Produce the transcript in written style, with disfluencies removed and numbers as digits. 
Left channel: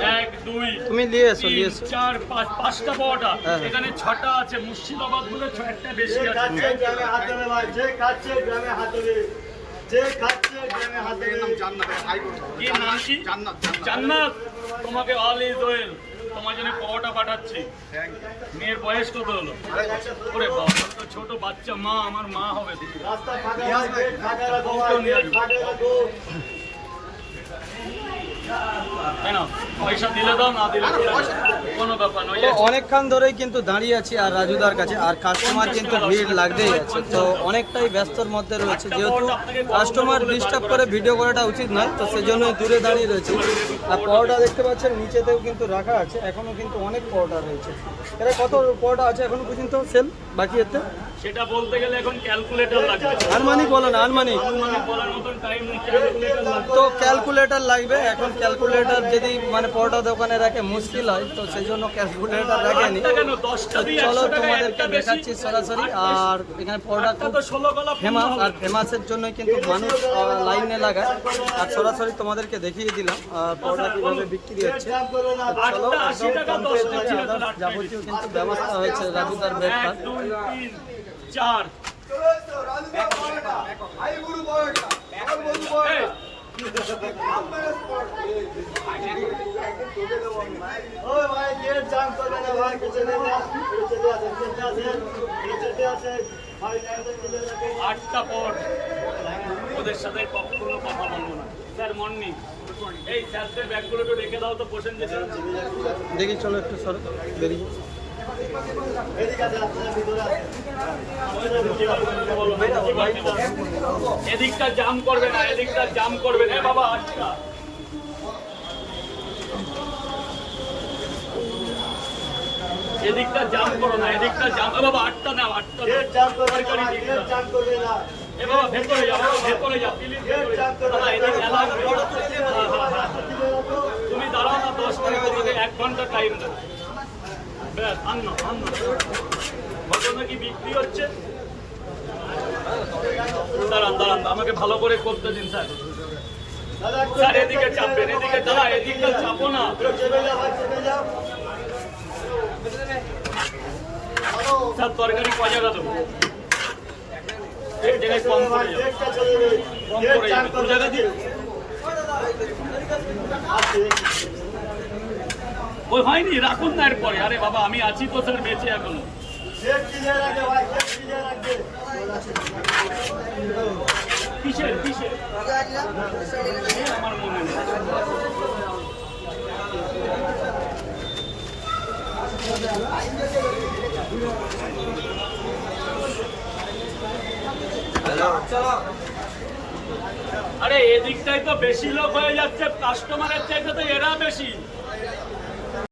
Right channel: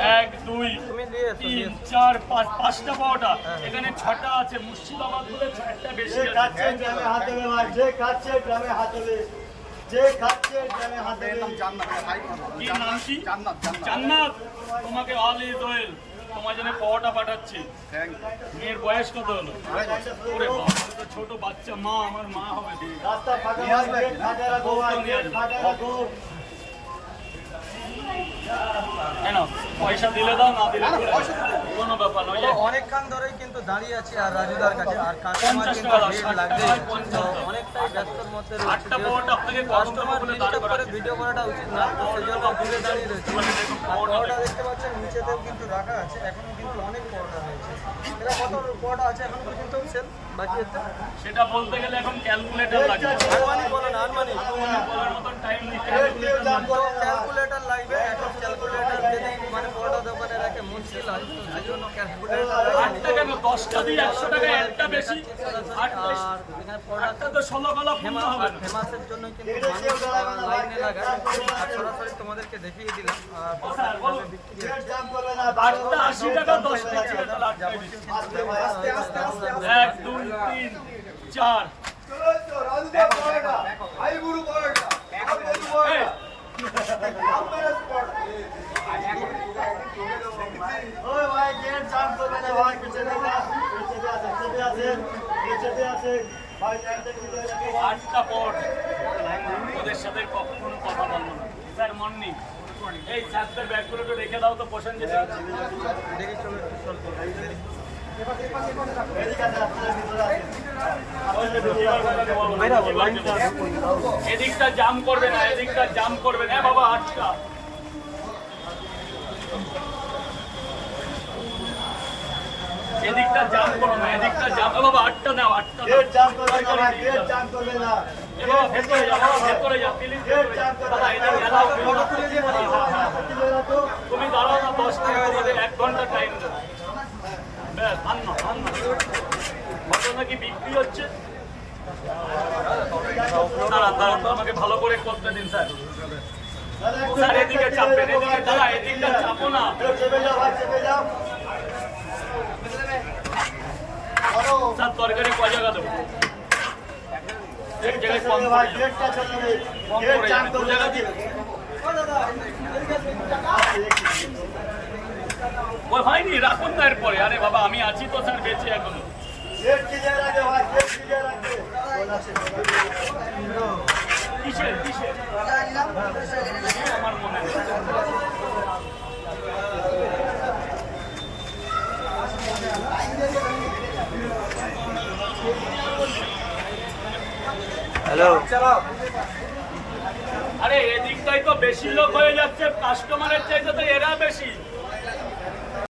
1 2 3 4 5 পাঁচটা পাওয়াটা এখানে 6টা আছে মুর্শিদাবাদ বলে 6টা বেশি আছে গ্রামে হাত দেবে ভাই যে খাচ্ছে গ্রামে হাত দেবে যে খাচ্ছে গ্রামে হাত দেবে নাম জান্নাত ভাই কি নাম কি জান্নাত জান্নাত তোমাকে অল ইজ ওয়েল তোমার জন্য পাওয়াটা পাঠাচ্ছি মেয়ের বয়স কত হলো ওরে বাবা তো ছোট বাচ্চা মা আমার মা হবে রাস্তা ফাঁকা নিয়ে আসবে বউকেও নিয়ে আসবে কেন পয়সা দিলে দাও না দিলে কোনো ব্যাপার নয় অনেকক্ষণ ধরেই কিন্তু দাঁড়িয়ে আছি আর রাজুদার কাছে আর কাস্টমার কিন্তু ভিড় লাগতেই আছে তো অনেকটাই ব্যস্তর মধ্যে রয়েছে যেহেতু কাস্টমার ডিস্টার্ব করে ভিডিও করাটা উচিত না তো সেজন্য দূরে দাঁড়িয়ে রয়েছে পাওয়াটা দেখতে পাচ্ছেন নিচেতেও কিন্তু রাখা আছে এখনো কিন্তু অনেক পাওয়াটা রয়েছে এটা কত পাওয়াটা আছে এখনো পর্যন্ত সেল বাকি আছে সেটা বলতে গেলে এখন ক্যালকুলেটর লাগবে আনুমানিক বলেন আনুমানিক বলার মতন টাইম নেই ক্যালকুলেটর লাগবে তো ক্যালকুলেটর লাগবে এখন ক্যালকুলেটর যদি মানে পরোটা দোকানে রাখে মুশকিল হয় তো সেজন্য ক্যালকুলেটর রাখেনি কেন 10টা দিয়ে 100 টাকা একটা বেশি সরাসরি আর এখানে পরোটা তো 16 গলা পূর্ণ হবে না ফেমাসের জন্য কিন্তু মানুষ লাইনে লাগায় আর সরাসরি তোমাদেরকে দেখিয়ে দিলাম আর পরোটা কিভাবে বিক্রি হচ্ছে 8টা 80 টাকা 10টা ছিল তাহলে 8টা যাবতীয় কিন্তু ব্যবস্থা হয়েছে রাজুদার 1 2 3 4 এই ওই ভাই গেট জাম করবে না ভাই চলে যা চলে আসে ভাই 8টা পট ওদের সাথে কখনো কথা বলবো না স্যার মর্নিং এই স্যারদের ব্যাগগুলো তো রেখে দাও তো পোষণ যেটা দেখি চলো একটু সর বেরিয়ে এদিকে আছে আপনাদের ভিতরে আছে এদিকটা জাম করবে না এদিকটা জাম করবে না বাবা আটকা এদিকটা জাম করো না এদিকটা জাম বাবা 8টা নাও 8টা গেট জাম করবে তরকারি না দিকে গেট জাম করবে না এ বাবা ভেতরে যাও বাবা ভেতরে যাও প্লিজ ভেতরে যাও দাদা এদিকে এলাও তুমি দাঁড়াও না 10 টাকা থেকে 1 ঘন্টা টাইম দাও ব্যাস আন্না ঘটনা কি বিক্রি হচ্ছে দাঁড়ান দাঁড়ান আমাকে ভালো করে করতে দিন স্যার স্যার এদিকে চাপবেন এদিকে দাঁড়া এদিকটা চাপো না স্যার তরকারি ক জায়গা দেবো এক জায়গায় কম করে যাবে কম করে যাবে 2 জায়গা দিই ওই হয়নি রাখুন না এরপরে আরে বাবা আমি আছি তো স্যার বেঁচে এখনো কিসের কিসের আমার মনে নেই আরে এদিকটাই তো বেশি লোক হয়ে যাচ্ছে কাস্টমারের চাইতে তো এরা বেশি